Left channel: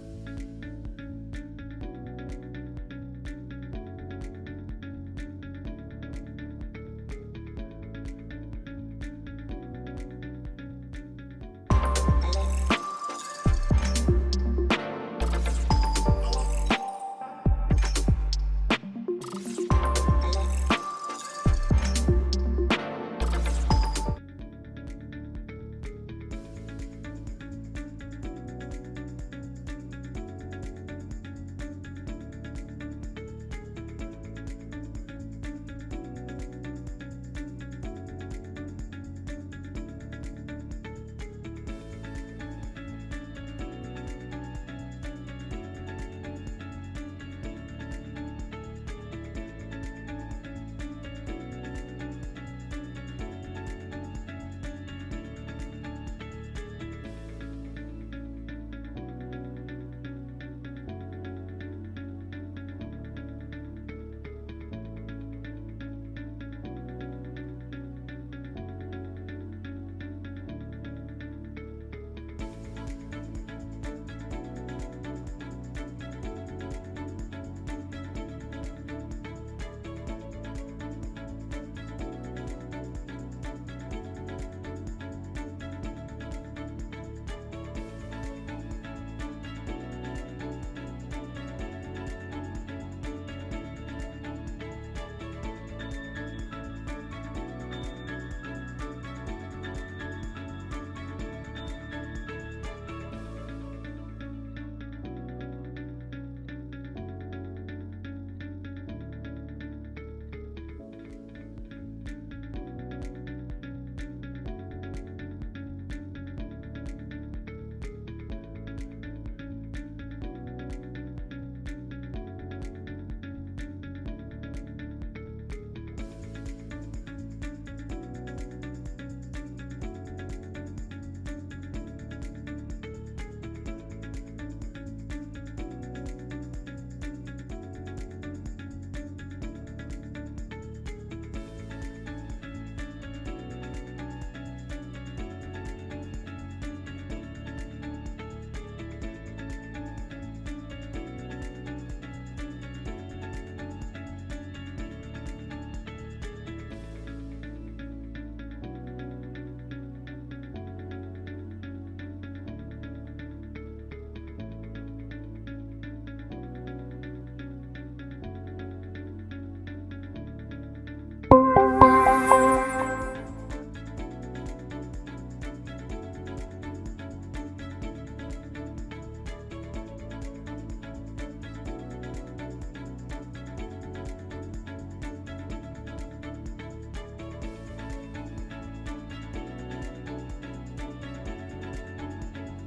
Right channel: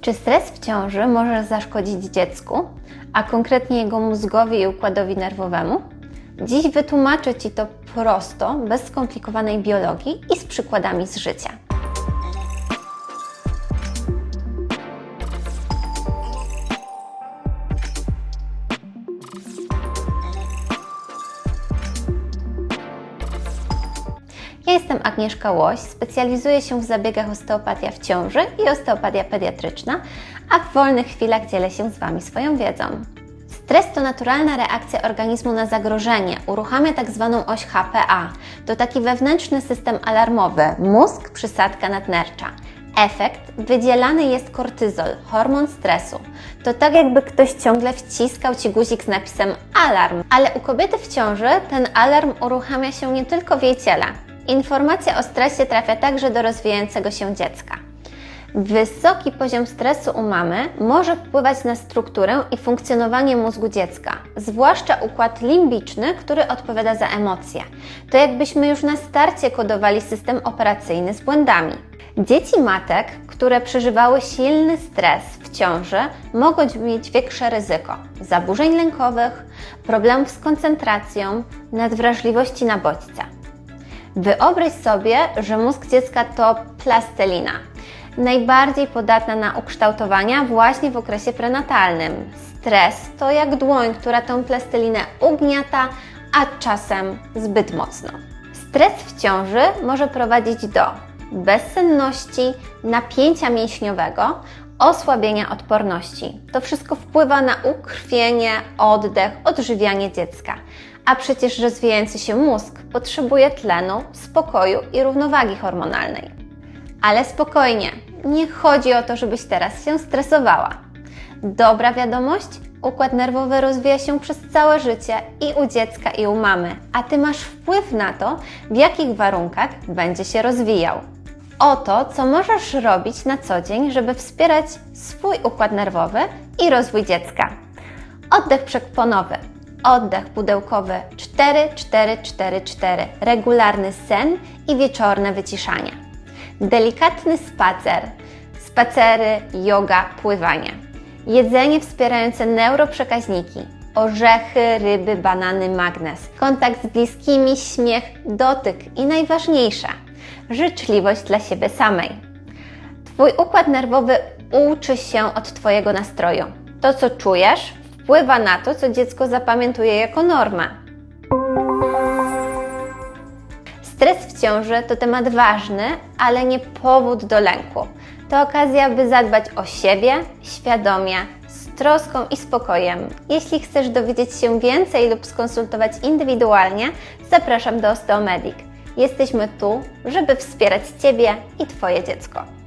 Czy stres w ciąży może zaszkodzić dziecku, a konkretnie jego mózgowi i układowi nerwowemu? Dziś wytłumaczę Ci to prosto, bez skomplikowanej biologii i z przykładami z życia. Agnieszka Łoś, specjalizuję się w zabiegach osteopatia w ciąży i osteopatia pediatryczna, a w wolnych chwilach dzielę się z Wami swoją wiedzą. Stres to naturalna reakcja organizmu na zagrożenie, uruchamia tak zwaną oś HPA. To taki wewnętrzny system alarmowy, mózg, przysadka nadnercza. Efekt wydzielany jest kortyzol, hormon stresu. To tak jakby ktoś ciągle wciskał Ci guzik z napisem alarm, ale u kobiety w ciąży ten alarm uruchamia się nie tylko w jej ciele. Informacja o stresie trafia także do rozwijającego się dziecka. Wysoki poziom stresu u mamy może wpływać na strukturę i funkcjonowanie mózgu dziecka, zwłaszcza układ limbiczny, który odpowiada za emocje. To jakbyśmy już na starcie kodowali system operacyjny z błędami. Dzieci matek, które przeżywały silny stres w ciąży, mogą mieć większe ryzyko zaburzeń lękowych, problemów z koncentracją, nadwrażliwości na bodźce. Wyobraź sobie, że mózg dziecka to plastelina, najbardziej podatna na ukształtowania właśnie w okresie prenatalnym. Stres to jak dłoń, która tą plastelinę ugniata, a czasem zbyt mocno. Stres w ciąży może prowadzić do bezsenności, napięcia mięśniowego, osłabienia odporności. To wszystko wpływa na ukrwienie, oddech, odżywianie dziecka. A przecież rozwijający się mózg potrzebuje tlenu, spokoju i równowagi hormonalnej. Ale spokojnie, nie chodzi o to, żebyś teraz się stresowała. Dobra wiadomość: układ nerwowy rozwija się przez całe życie i u dziecka, i u mamy, a ty masz wpływ na to, w jakich warunkach będzie się rozwijał. Oto, co możesz robić na co dzień, żeby wspierać swój układ nerwowy i rozwój dziecka. Oddech przekponowy, oddech pudełkowy 4-4-4-4, regularny sen i wieczorne wyciszanie. Delikatny spacer, spacery, yoga, pływanie. Jedzenie wspierające neuroprzekaźniki, orzechy, ryby, banany, magnez. Kontakt z bliskimi, śmiech, dotyk i najważniejsze, życzliwość dla siebie samej. Twój układ nerwowy uczy się od Twojego nastroju. To, co czujesz, wpływa na to, co dziecko zapamiętuje jako normę. Stres w ciąży to temat ważny, ale nie powód do lęku. To okazja, by zadbać o siebie świadomie, z troską i spokojem. Jeśli chcesz dowiedzieć się więcej lub skonsultować indywidualnie, zapraszam do Osteomedic. Jesteśmy tu, żeby wspierać Ciebie i Twoje dziecko.